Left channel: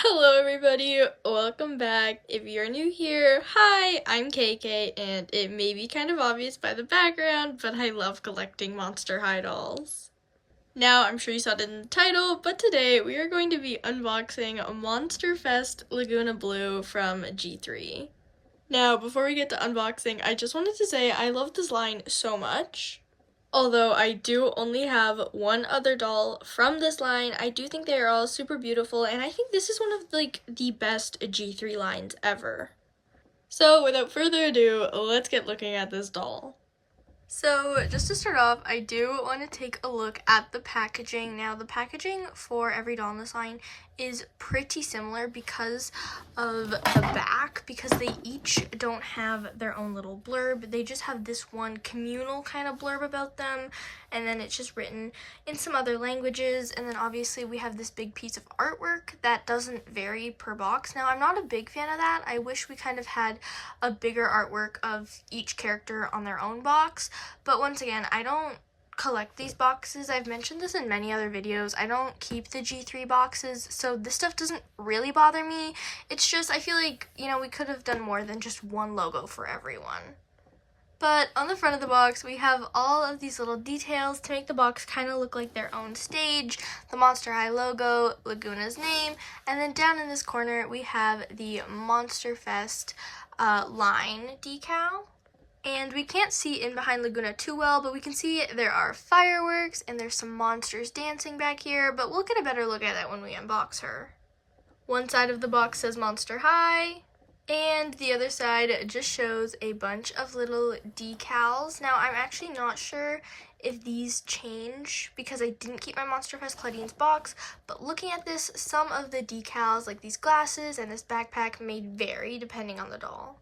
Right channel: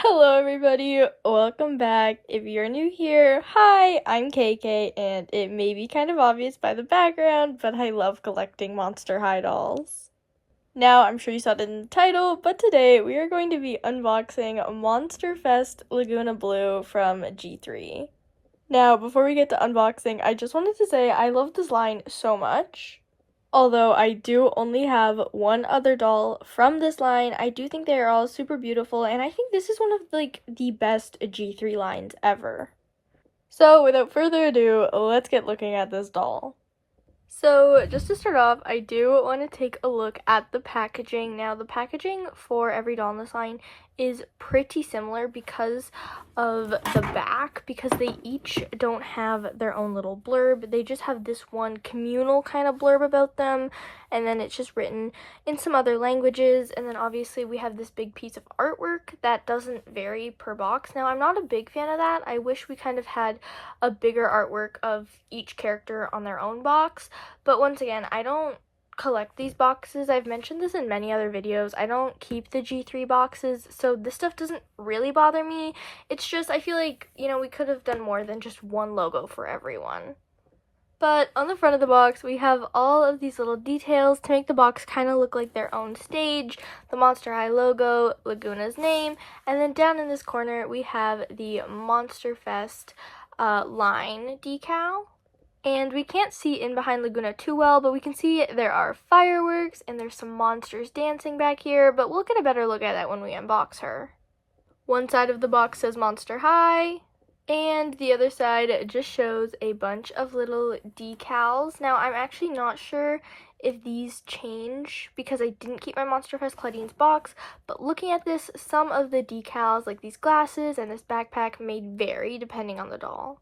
Hello everybody, welcome back. If you're new here, hi, I'm KK, and it may be kind of obvious by the background, but I love collecting Monster High dolls. Now, I'm sure you saw it in the title, but today we are going to be unboxing Monster Fest Laguna Blue from G3. Now, before we get to unboxing, I just wanted to say I love this line so much. Although I do only have one other doll from this line, I do think they are all super beautiful, and I think this is one of the best G3 lines ever. So without further ado, let's get looking at this doll. So just to start off, I do want to take a look at the packaging. Now the packaging for every doll in this line is pretty similar because of the back, because they each don't have their own little blurb. They just have this one communal kind of blurb about them, and then it's just written in some other languages, and then obviously we have this big piece of artwork that doesn't vary per box. Now I'm not a big fan of that. I wish we kind of had a bigger artwork of each character on their own box, but once again, I don't collect these boxes. I've mentioned this in many other videos. I don't keep the G3 boxes, so this stuff doesn't really bother me. It's just, I feel like, we could have done more than just one logo for everyone. But on the front of the box, we have all of these little details to make the box kind of look like their own stage, the Monster High logo, Lagoona's name, and then down in this corner, we have the Monster Fest line decal. And we can't see in behind Lagoona too well, but we can see there are fireworks and there's some monsters dancing back here, but we'll get a better look at it when we unbox her. One side of the box says Monster High, and the other side just shows a bunch of little decals. Now, I'm actually not sure if these change because I didn't keep my Monster Fest Claudines box, but looking at this, some of the decals, like these glasses and this backpack, may vary depending on the doll.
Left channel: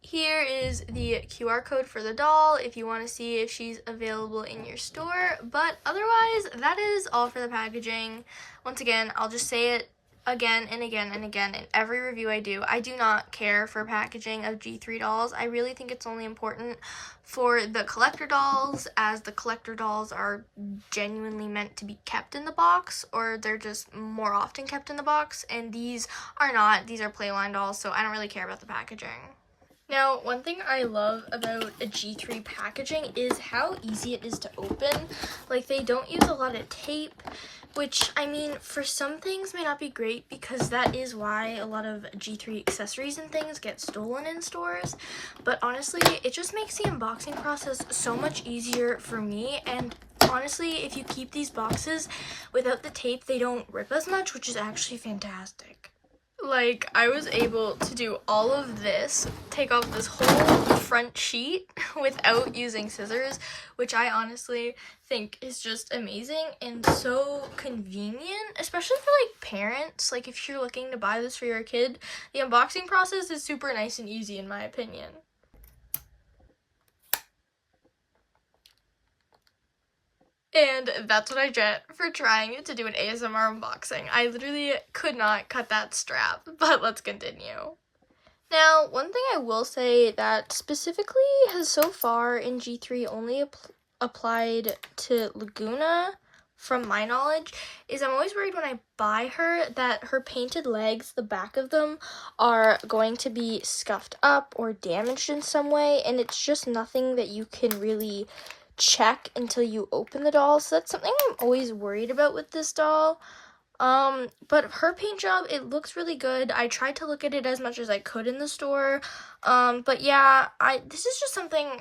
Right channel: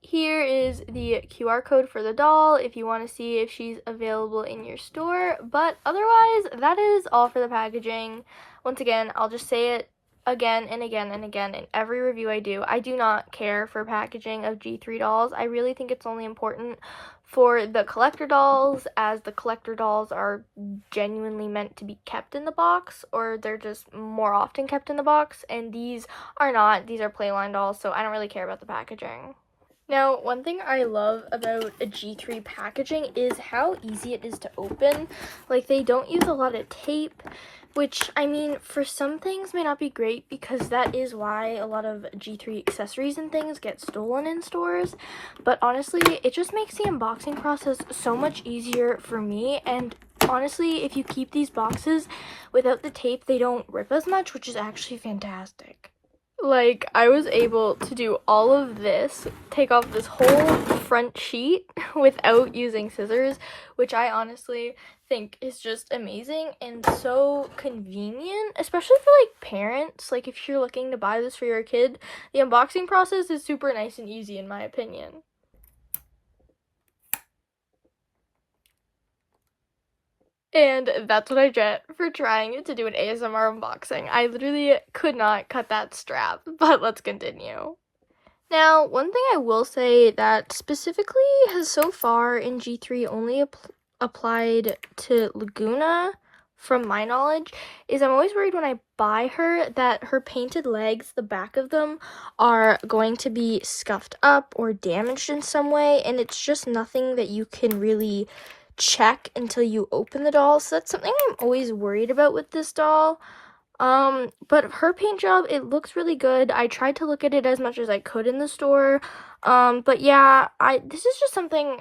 Here is the QR code for the doll if you want to see if she's available in your store, but otherwise, that is all for the packaging. Once again, I'll just say it again and again and again in every review I do. I do not care for packaging of G3 dolls. I really think it's only important for the collector dolls, as the collector dolls are genuinely meant to be kept in the box, or they're just more often kept in the box, and these are not. These are Playline dolls, so I don't really care about the packaging. Now, one thing I love about a G3 packaging is how easy it is to open. Like, they don't use a lot of tape, which, I mean, for some things may not be great because that is why a lot of G3 accessories and things get stolen in stores. But honestly, it just makes the unboxing process so much easier for me, and honestly, if you keep these boxes without the tape, they don't rip as much, which is actually fantastic. Like, I was able to do all of this, take off this whole front sheet without using scissors, which I honestly think is just amazing and so convenient, especially for, like, parents. Like, if you're looking to buy this for your kid, the unboxing process is super nice and easy, in my opinion. And that's what I get for trying to do an ASMR unboxing. I literally could not cut that strap, but let's continue. Now, one thing I will say that specifically has so far in G3 only applied to Lagoona, from my knowledge, is I'm always worried when I buy her that her painted legs, the back of them, are going to be scuffed up or damaged in some way, and it's just nothing that you can really check until you open the doll. So that's something I'm always worried about with this doll. But her paint job, it looks really good. I tried to look at it as much as I could in the store. But yeah, this is just something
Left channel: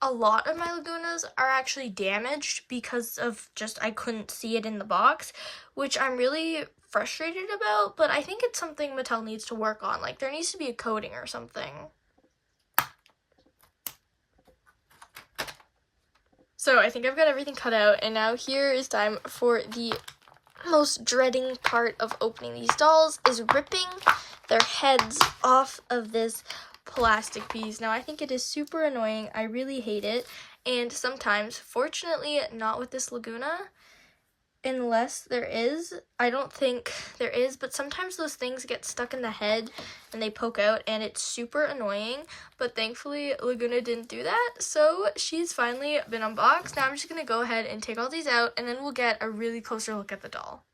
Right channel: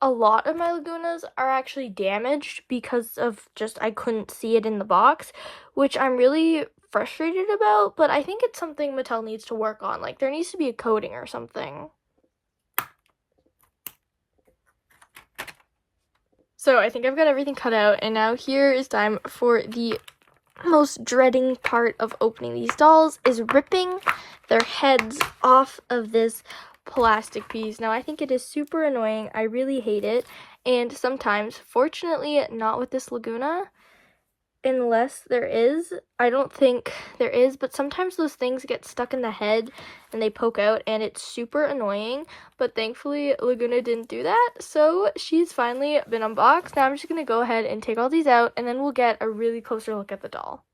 a lot of my Lagoonas are actually damaged because of just I couldn't see it in the box, which I'm really frustrated about, but I think it's something Mattel needs to work on. Like, there needs to be a coating or something. So I think I've got everything cut out, and now here is time for the most dreading part of opening these dolls, is ripping their heads off of this plastic piece. Now, I think it is super annoying. I really hate it, and sometimes, fortunately not with this Lagoona, unless there is, I don't think there is, but sometimes those things get stuck in the head and they poke out, and it's super annoying. But thankfully Lagoona didn't do that, so she's finally been unboxed. Now I'm just gonna go ahead and take all these out, and then we'll get a really closer look at the doll.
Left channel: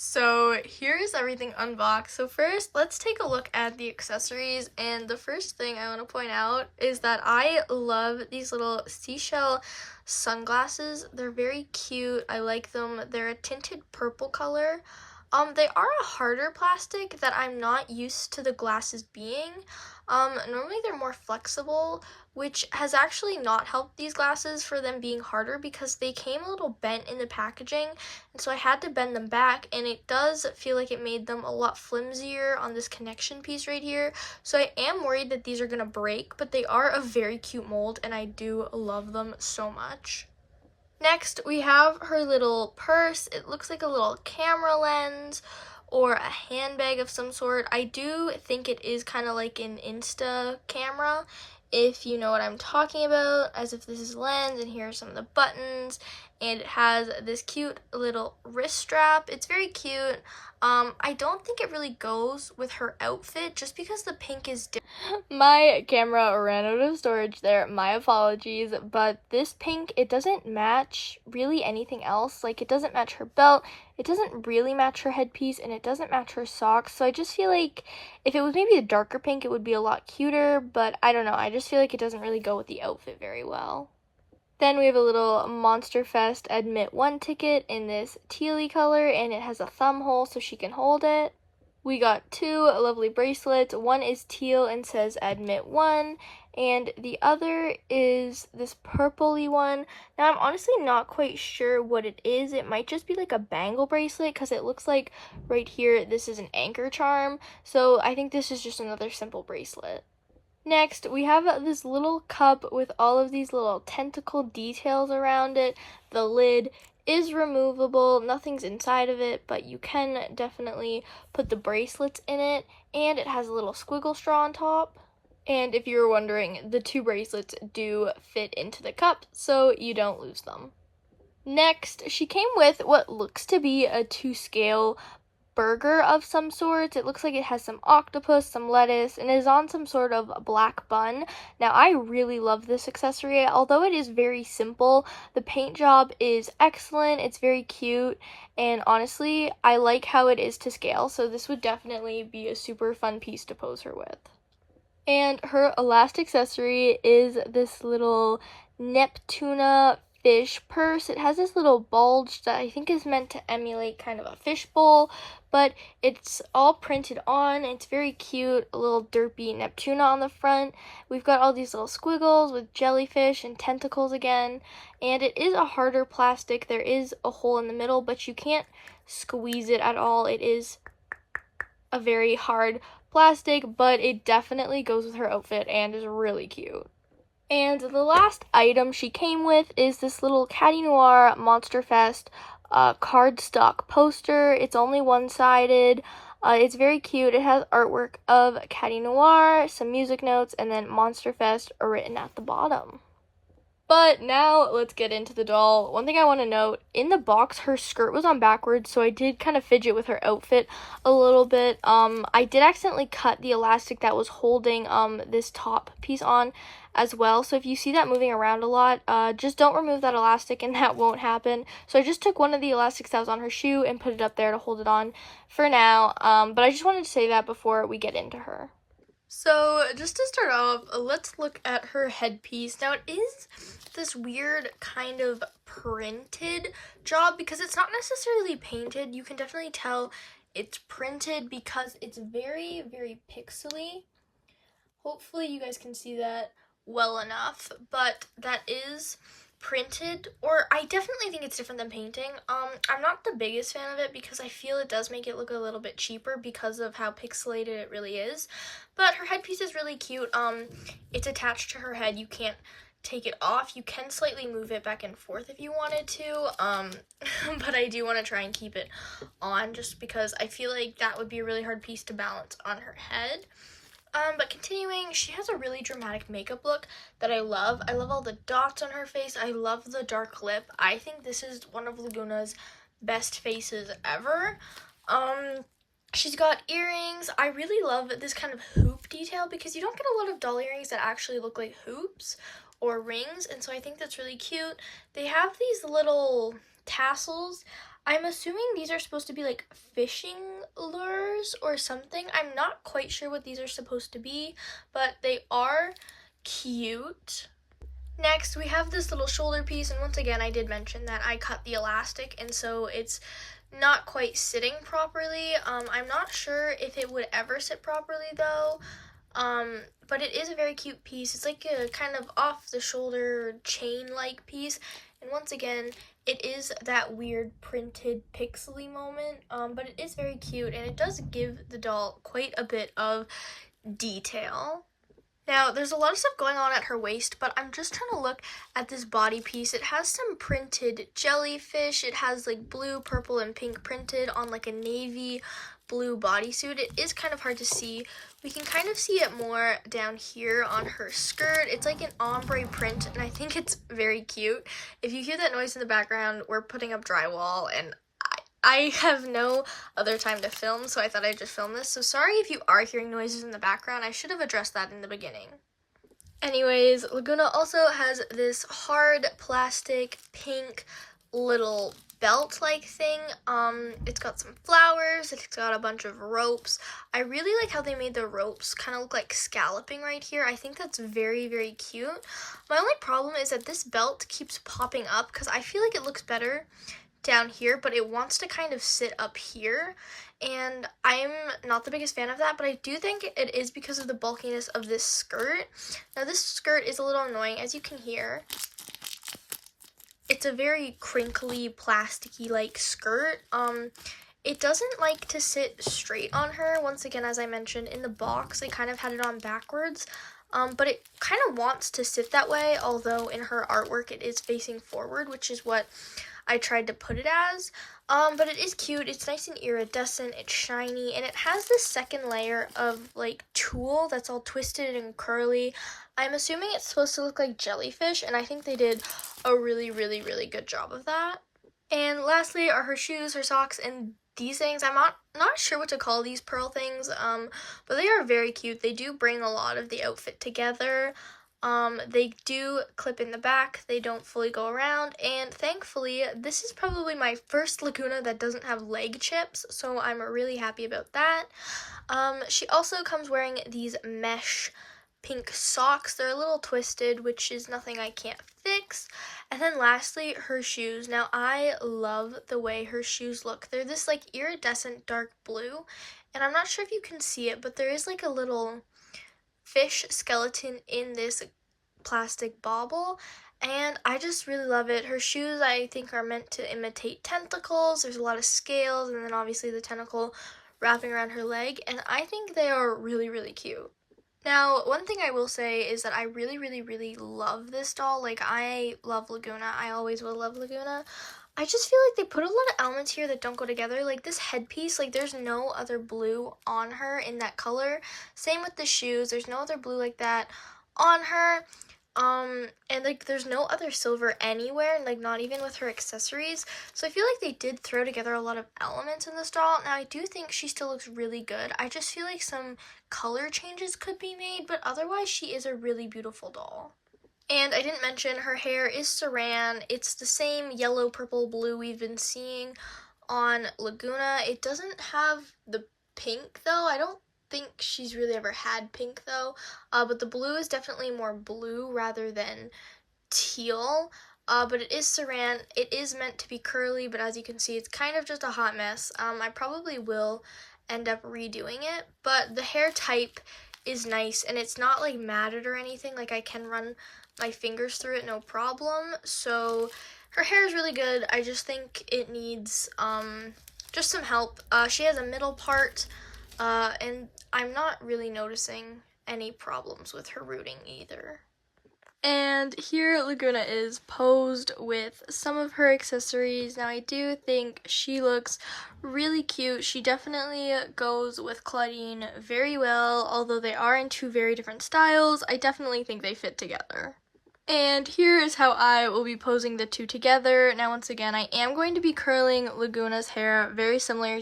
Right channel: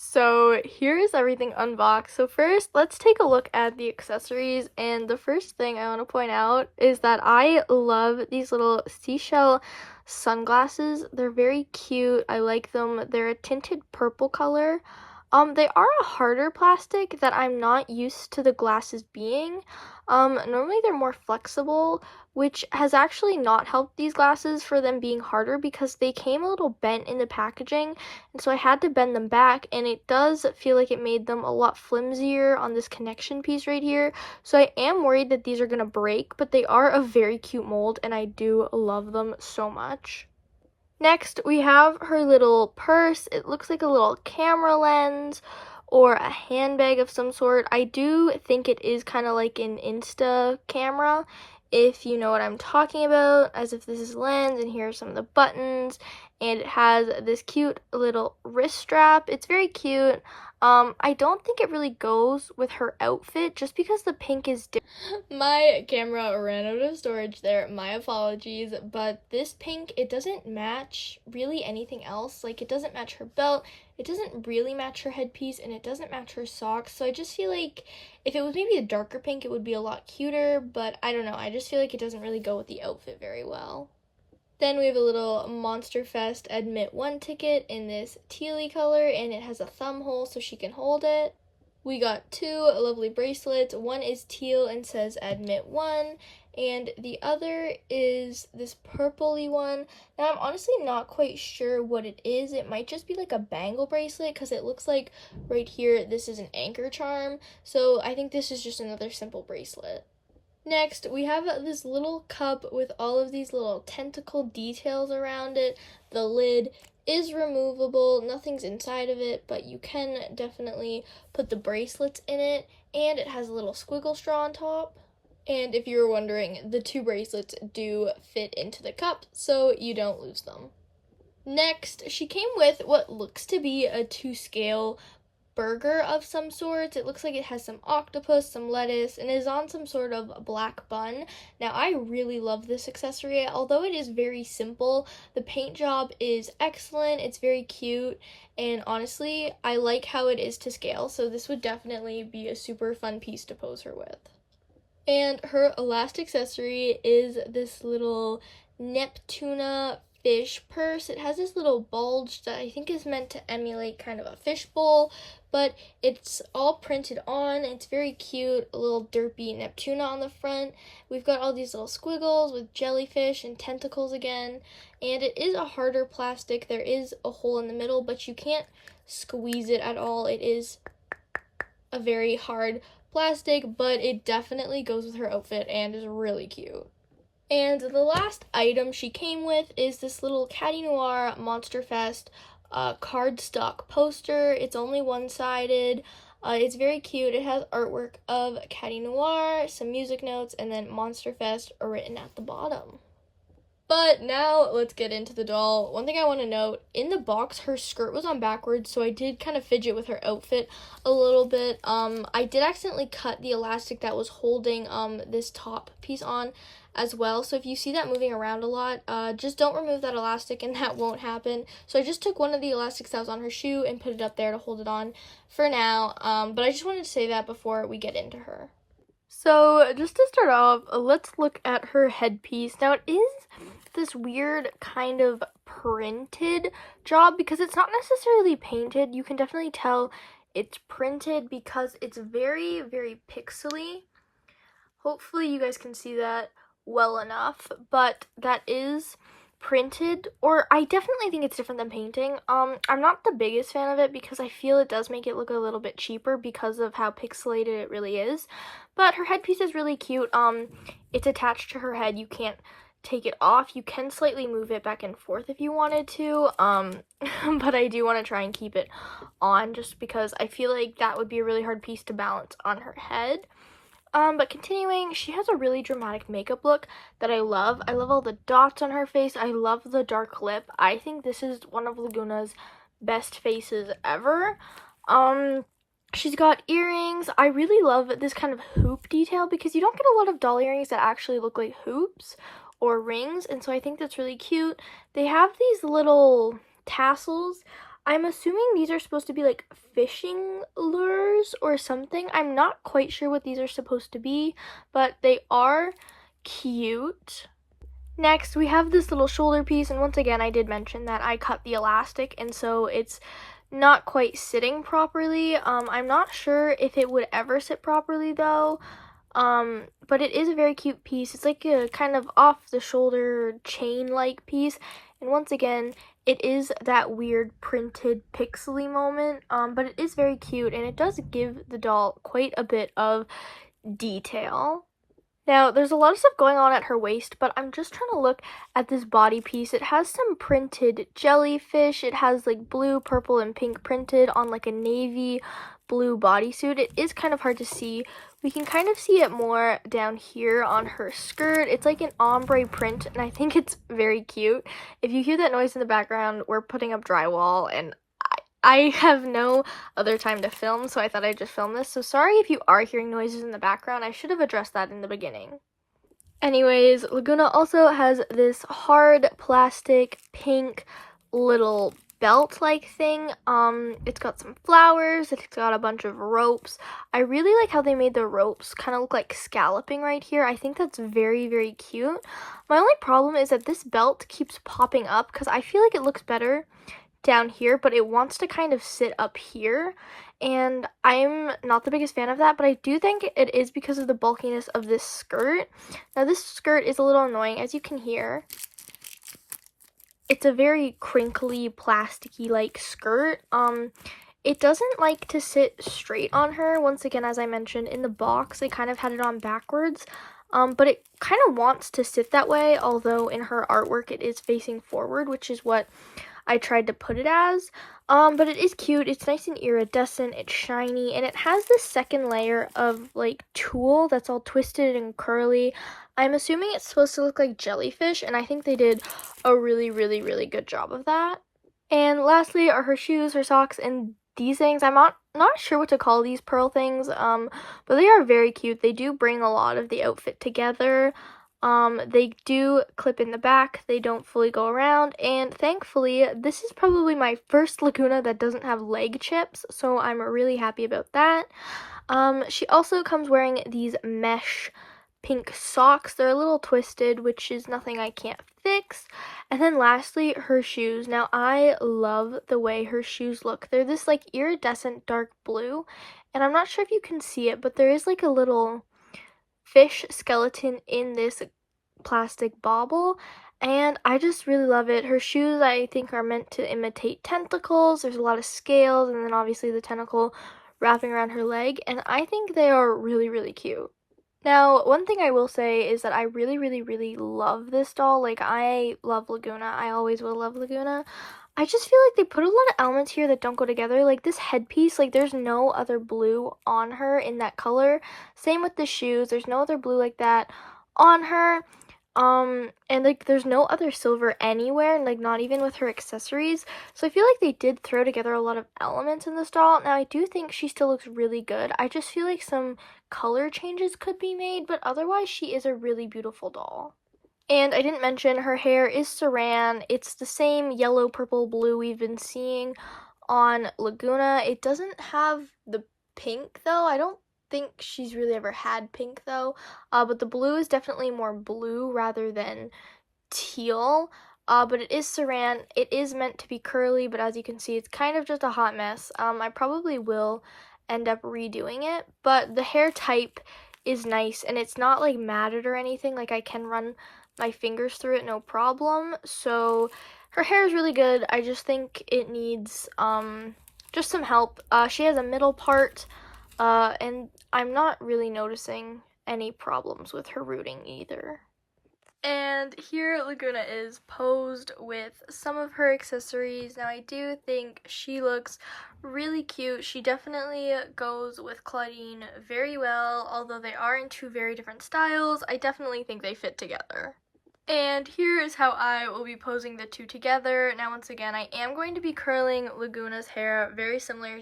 So here's everything unboxed. So first, let's take a look at the accessories. And the first thing I want to point out is that I love these little seashell sunglasses. They're very cute. I like them. They're a tinted purple color. They are a harder plastic that I'm not used to the glasses being. Normally they're more flexible, which has actually not helped these glasses for them being harder because they came a little bent in the packaging, and so I had to bend them back, and it does feel like it made them a lot flimsier on this connection piece right here. So I am worried that these are gonna break, but they are a very cute mold and I do love them so much. Next, we have her little purse. It looks like a little camera lens or a handbag of some sort. I do think it is kind of like an Insta camera, if you know what I'm talking about, as if this is lens, and here are some of the buttons, and it has this cute little wrist strap. It's very cute. I don't think it really goes with her outfit just because the pink is different. My camera ran out of storage there, my apologies, but this pink, it doesn't match really anything else. Like, it doesn't match her belt, it doesn't really match her headpiece, and it doesn't match her socks. So I just feel like if it was maybe a darker pink, it would be a lot cuter, but I don't know, I just feel like it doesn't really go with the outfit very well. Then we have a little Monster Fest Admit 1 ticket in this tealy color, and it has a thumb hole so she can hold it. We got two lovely bracelets. One is teal and says Admit 1, and the other is this purpley one. Now, I'm honestly not quite sure what it is. It might just be like a bangle bracelet because it looks like right here this is an anchor charm. So I think this is just another simple bracelet. Next, we have this little cup with all of these little tentacle details around it. The lid is removable, nothing's inside of it, but you can definitely put the bracelets in it, and it has a little squiggle straw on top. And if you were wondering, the two bracelets do fit into the cup, so you don't lose them. Next, she came with what looks to be a 2-scale burger of some sorts. It looks like it has some octopus, some lettuce, and is on some sort of black bun. Now, I really love this accessory. Although it is very simple, the paint job is excellent. It's very cute, and honestly, I like how it is to scale, so this would definitely be a super fun piece to pose her with. And her last accessory is this little Neptuna fish purse. It has this little bulge that I think is meant to emulate kind of a fishbowl, but it's all printed on. It's very cute, a little derpy Neptuna on the front. We've got all these little squiggles with jellyfish and tentacles again, and it is a harder plastic. There is a hole in the middle, but you can't squeeze it at all. It is a very hard plastic, but it definitely goes with her outfit and is really cute. And the last item she came with is this little Caddy Noir Monster Fest cardstock poster. It's only one-sided. It's very cute. It has artwork of Caddy Noir, some music notes, and then Monster Fest written at the bottom. But now let's get into the doll. One thing I want to note, in the box, her skirt was on backwards, so I did kind of fidget with her outfit a little bit. I did accidentally cut the elastic that was holding this top piece on as well. So if you see that moving around a lot, just don't remove that elastic and that won't happen. So I just took one of the elastics that was on her shoe and put it up there to hold it on for now. But I just wanted to say that before we get into her. So just to start off, let's look at her headpiece. Now, it is this weird kind of printed job because it's not necessarily painted. You can definitely tell it's printed because it's very, very pixely. Hopefully you guys can see that well enough, but that is printed, or I definitely think it's different than painting. I'm not the biggest fan of it because I feel it does make it look a little bit cheaper because of how pixelated it really is. But her headpiece is really cute. It's attached to her head. You can't take it off. You can slightly move it back and forth if you wanted to. But I do want to try and keep it on just because I feel like that would be a really hard piece to balance on her head. But continuing, she has a really dramatic makeup look that I love. I love all the dots on her face. I love the dark lip. I think this is one of Lagoona's best faces ever. She's got earrings. I really love this kind of hoop detail because you don't get a lot of doll earrings that actually look like hoops or rings, and so I think that's really cute. They have these little tassels. I'm assuming these are supposed to be like fishing lures or something. I'm not quite sure what these are supposed to be, but they are cute. Next, we have this little shoulder piece, and once again, I did mention that I cut the elastic, and so it's not quite sitting properly. I'm not sure if it would ever sit properly though, but it is a very cute piece. It's like a kind of off the shoulder chain-like piece, and once again, it is that weird printed pixely moment, but it is very cute, and it does give the doll quite a bit of detail. Now, there's a lot of stuff going on at her waist, but I'm just trying to look at this body piece. It has some printed jellyfish. It has like blue, purple, and pink printed on like a navy blue bodysuit. It is kind of hard to see. We can kind of see it more down here on her skirt. It's like an ombre print, and I think it's very cute. If you hear that noise in the background, we're putting up drywall, and I have no other time to film, so I thought I'd just film this. So sorry if you are hearing noises in the background. I should have addressed that in the beginning. Anyways, Lagoona also has this hard plastic pink little belt-like thing. It's got some flowers. It's got a bunch of ropes. I really like how they made the ropes kind of look like scalloping right here. I think that's very, very cute. My only problem is that this belt keeps popping up because I feel like it looks better down here, but it wants to kind of sit up here, and I'm not the biggest fan of that, but I do think it is because of the bulkiness of this skirt. Now this skirt is a little annoying, as you can hear. It's a very crinkly, plasticky like skirt. It doesn't like to sit straight on her. Once again, as I mentioned, in the box they kind of had it on backwards. But it kind of wants to sit that way, although in her artwork it is facing forward, which is what I tried to put it as. But it is cute. It's nice and iridescent. It's shiny, and it has this second layer of like tulle that's all twisted and curly. I'm assuming it's supposed to look like jellyfish, and I think they did a really, really, really good job of that. And lastly are her shoes, her socks, and these things. I'm not sure what to call these pearl things, but they are very cute. They do bring a lot of the outfit together. They do clip in the back, they don't fully go around, and thankfully, this is probably my first Lagoona that doesn't have leg chips, so I'm really happy about that. She also comes wearing these mesh pink socks. They're a little twisted, which is nothing I can't fix. And then lastly, her shoes. Now, I love the way her shoes look. They're this like iridescent dark blue, and I'm not sure if you can see it, but there is like a little fish skeleton in this plastic bauble, and I just really love it. Her shoes, I think, are meant to imitate tentacles. There's a lot of scales, and then obviously the tentacle wrapping around her leg, and I think they are really, really cute. Now, one thing I will say is that I really, really, really love this doll. Like, I love Lagoona. I always will love Lagoona. I just feel like they put a lot of elements here that don't go together. Like this headpiece, like there's no other blue on her in that color. Same with the shoes. There's no other blue like that on her. And like there's no other silver anywhere, like not even with her accessories. So I feel like they did throw together a lot of elements in this doll. Now I do think she still looks really good. I just feel like some color changes could be made, but otherwise she is a really beautiful doll. And I didn't mention her hair is saran. It's the same yellow, purple, blue we've been seeing on Lagoona. It doesn't have the pink though. I don't think she's really ever had pink though. But the blue is definitely more blue rather than teal. But it is saran. It is meant to be curly, but as you can see, it's kind of just a hot mess. I probably will end up redoing it, but the hair type is nice, and it's not like matted or anything. Like I can run my fingers through it no problem. So her hair is really good. I just think it needs just some help. She has a middle part, and I'm not really noticing any problems with her rooting either. And here Lagoona is posed with some of her accessories. Now I do think she looks really cute. She definitely goes with Claudine very well, although they are in two very different styles. I definitely think they fit together. And here is how I will be posing the two together. Now, once again, I am going to be curling Lagoona's hair very similar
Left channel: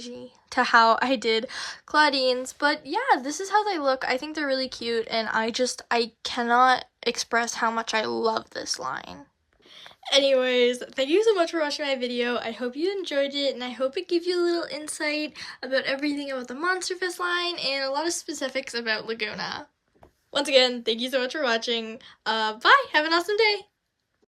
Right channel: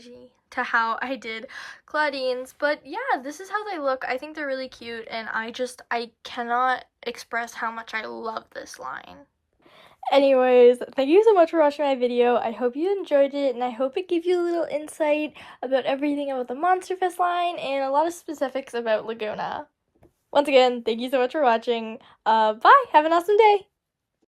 to how I did Claudine's. But yeah, this is how they look. I think they're really cute, and I cannot express how much I love this line. Anyways, thank you so much for watching my video. I hope you enjoyed it, and I hope it gave you a little insight about everything about the Monsterfest line and a lot of specifics about Lagoona. Once again, thank you so much for watching. Bye! Have an awesome day!